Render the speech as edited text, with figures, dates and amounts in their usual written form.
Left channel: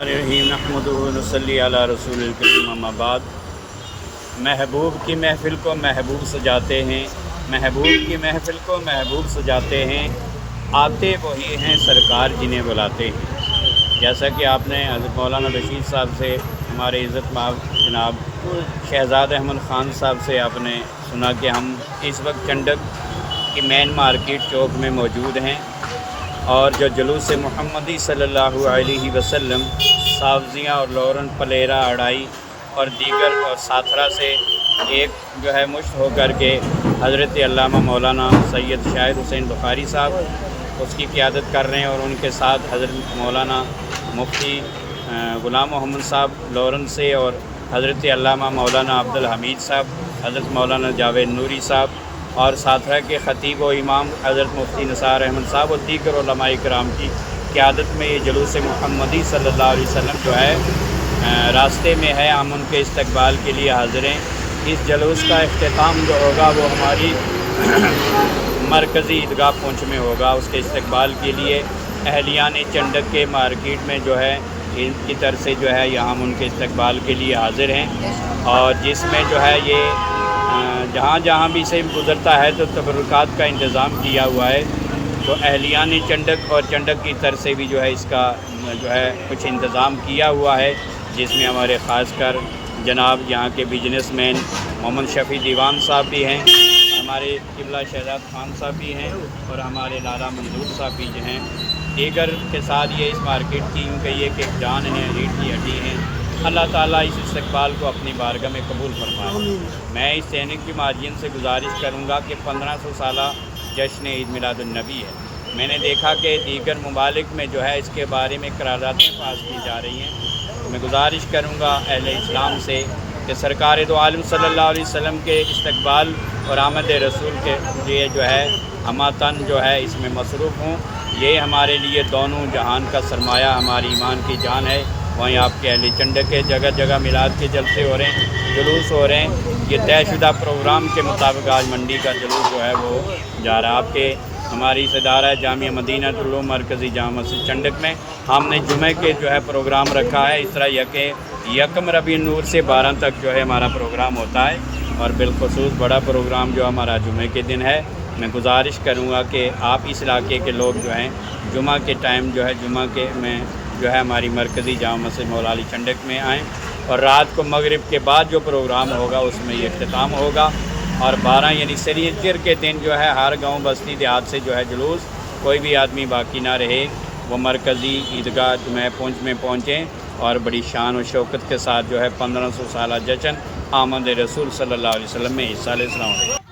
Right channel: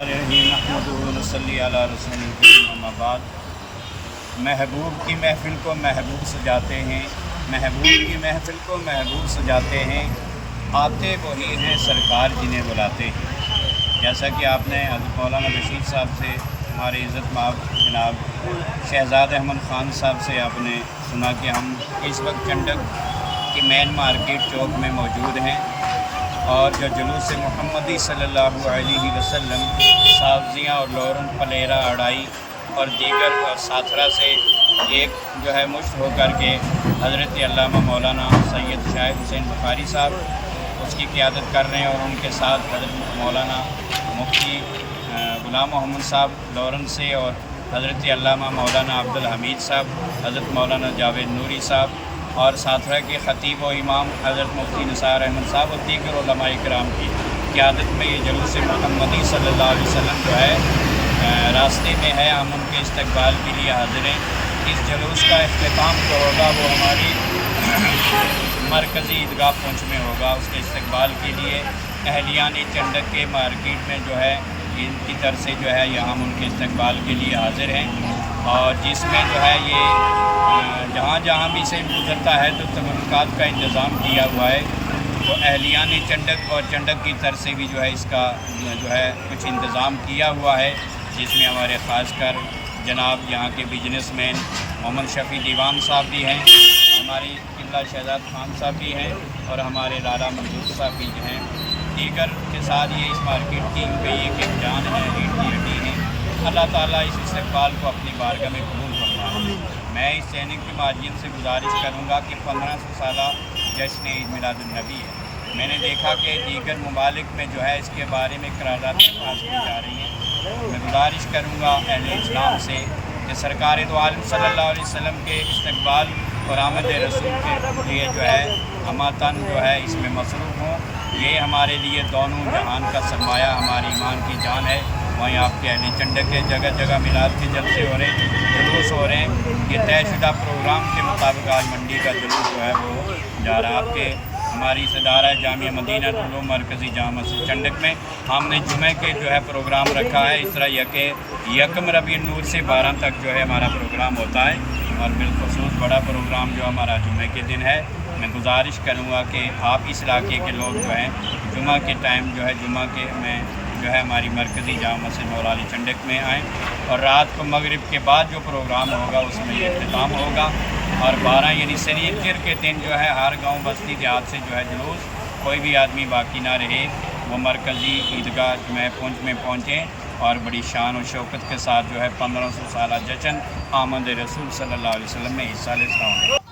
الرحیم نحمدہ و نصلی علی رسول الکریم اما بعد۔ محبوب کی محفل کو محبوب سجاتے ہیں، محبوب کی محفل کو محبوب سجاتے ہیں، آتے وہی ہیں سرکار جنہیں بلاتے ہیں۔ جیسا کہ آپ نے حضرت مولانا رشید صاحب سے، ہمارے عزت مآب جناب شہزاد احمد خان صاحب سے آپ نے سنا کہ ہم اس وقت چنڈک کی مین مارکیٹ چوک میں موجود ہیں، اور جو جلوس محمدی صلی اللہ علیہ وسلم سابزیاں اور لورن پلیرا اڑائی اور دیگر ساتھرا سے ایک جو ہے مشت ہو کر کے حضرت علامہ مولانا سید شاہد حسین بخاری صاحب اس کی قیادت کر رہے ہیں، اور ان کے ساتھ حضرت مولانا مفتی غلام محمد صاحب لورن سے، اور حضرت علامہ مولانا عبدالحمید صاحب، حضرت مولانا جاوید نوری صاحب، اور ساتھرا کے خطیب و امام حضرت مفتی نثار احمد صاحب اور دیگر علماء کرام کی قیادت میں یہ جلوس محمدی صلی اللہ علیہ وسلم جو ہے راستے میں ہے۔ ہم ان کے استقبال کے لیے حاضر ہیں۔ اس جلوس کا اختتام جو ہوگا وہ ہماری مرکزی عیدگاہ پونچھ میں ہوگا۔ اس کے استقبال کے لیے اہلیان چنڈک کے مارکیٹ میں جو ہے ان کی طرف سے جو ہے یہاں ہم ان کے استقبال کے لیے حاضر ہیں، اور جس میں جو ہے یہ جہاں جہاں بھی سے گزرتا ہے تو تبرکات کا انتظام کیا ہوا ہے، تو اہلیان چنڈک اور چنڈک کی طرف سے بھی جو ہے اس کا جو ہے کچھ انتظام کیا ہوا ہے، جس میں ہمارے خاص کر جناب یہاں کے بزنس مین محمد شفیع دیوان صاحب بھی ہیں، ہمارے قبلہ شہزاد خان صاحب بھی ہیں، اور ہمارے لالا منظور صاحب بھی جو ہیں۔ دیگر کے ساتھ یہ اس مارکیٹ کی کیونکہ یہ کہ جان ہے، ریٹ کی ہڈی ہے۔ اللہ تعالیٰ اس استقبال کو اپنی بارگاہ میں قبول فرمائے۔ میں اس چینل کی ماجین سے گزارش کروں گا کہ 1500 سالہ جشن عید میلاد النبی ہے۔ میں نے دیکھا کہ دیگر ممالک میں جو ہے اس کے بارے میں قراردادیں پاس کی جا رہی ہیں۔ میں گزارش کروں گا اہل اسلام سے کہ سرکار دو عالم صلی اللہ علیہ وسلم کے استقبال اور آمد رسول کے لیے جو ہے ہماتن جو ہے اس میں مصروف ہوں۔ یہ ہمارے لیے دونوں جہان کا سرمایہ ہماری ایمان کی جان ہے۔ وہیں آپ کے اہل چنڈک کے جگہ جگہ میلاد کے جلسے ہو رہے ہیں، جلوس ہو رہے ہیں۔ یہ طے شدہ پروگرام کے مطابق آج منڈی کا جلوس جو ہے وہ جا رہا ہے۔ آپ کے ہماری ادارہ جامعہ مدینہ العلوم مرکزی جامع مسجد چنڈک میں ہم نے جمعہ کے جو ہے پروگرام رکھا ہے۔ اس طرح یکم ربیع نور سے 12 تک جو ہے ہمارا پروگرام ہوتا ہے، اور بالخصوص بڑا پروگرام جو ہمارا جمعہ کے دن ہے۔ میں گزارش کروں گا کہ آپ اس علاقے کے لوگ جو ہیں جمعہ کے ٹائم جو ہے جمعہ کے میں جو ہے ہماری مرکزی جامع مسجد مولا علی چنڈک میں آئیں، اور رات کو مغرب کے بعد جو پروگرام ہوگا اس میں یہ اختتام ہوگا، اور 12 یعنی سریتر کے دن جو ہے ہر گاؤں بستی دیہات سے جو ہے جلوس کوئی بھی آدمی باقی نہ رہے، وہ مرکزی عیدگاہ جمعہ پونچھ میں پہنچیں، اور بڑی شان و شوکت کے ساتھ جو ہے 1500 سالہ جشن آمد رسول صلی اللہ علیہ وسلم میں حصہ لے۔ السلام علیکم۔